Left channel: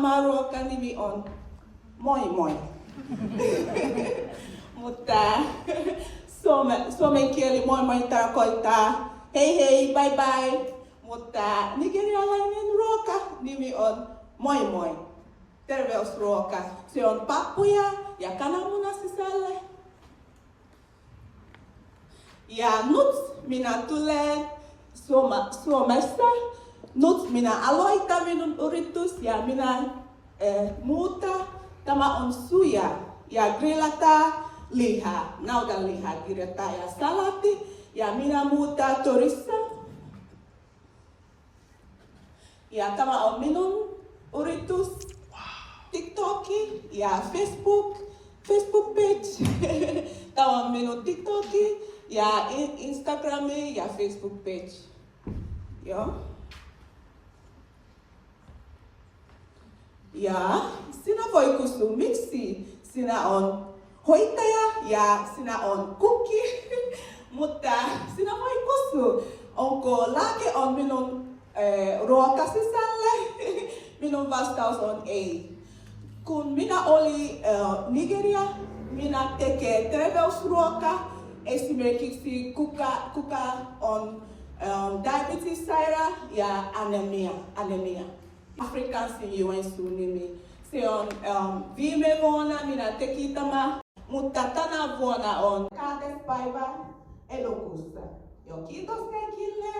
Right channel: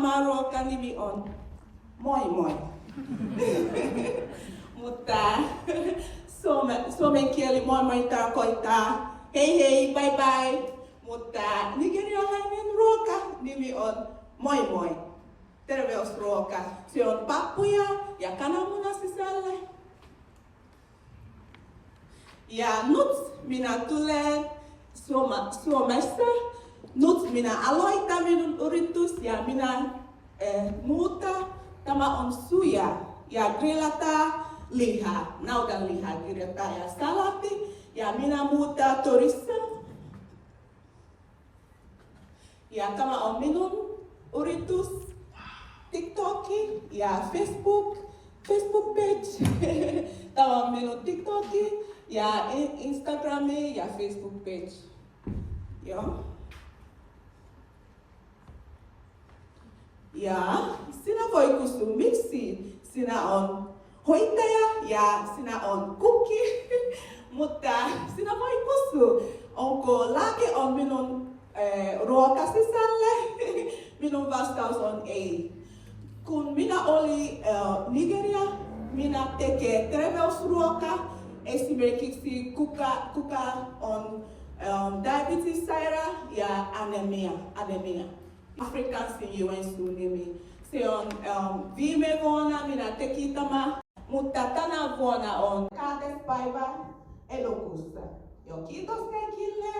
Tämä ruokan nimi on moi moi. Mutta suomen kieli moi moi tarkoittaa hei hei, bye bye. Mutta nigerialainen ruoka nimi on moi moi. Terveysruoka. Se on pappuja ja kananmuna sisällä. Ja nyt minä tulen Suomesta. Nyt minä aloitan minun yritys ja minä muuta. Tämä on suja ja grillata lihaa, naudanlihaa kirjoittaa ja salatti. Ja minä muuta Torissa. Ja tämä on minun yritys. TikToki ja Facebook page. Tämä on minun TikToki ja Instagrami ja Facebook page. Joo. Ja sinä voi kysyä, miksi sinä on hoitaja ja sinä on kukki. Mutta sinä voi kysyä, onko lääke on minun ruokasisälle. Minun vastaus on ei. Kun minä olin Nigeria, minä tekee terveysruokaa. Esimerkiksi kuka on diabetes-saira ja anemia. Afrikansin juensun nimi. Se on viime vuonna minä tekin tämä, mutta tänä vuonna on 2. päivä elokuussa. Kiitos kaikille.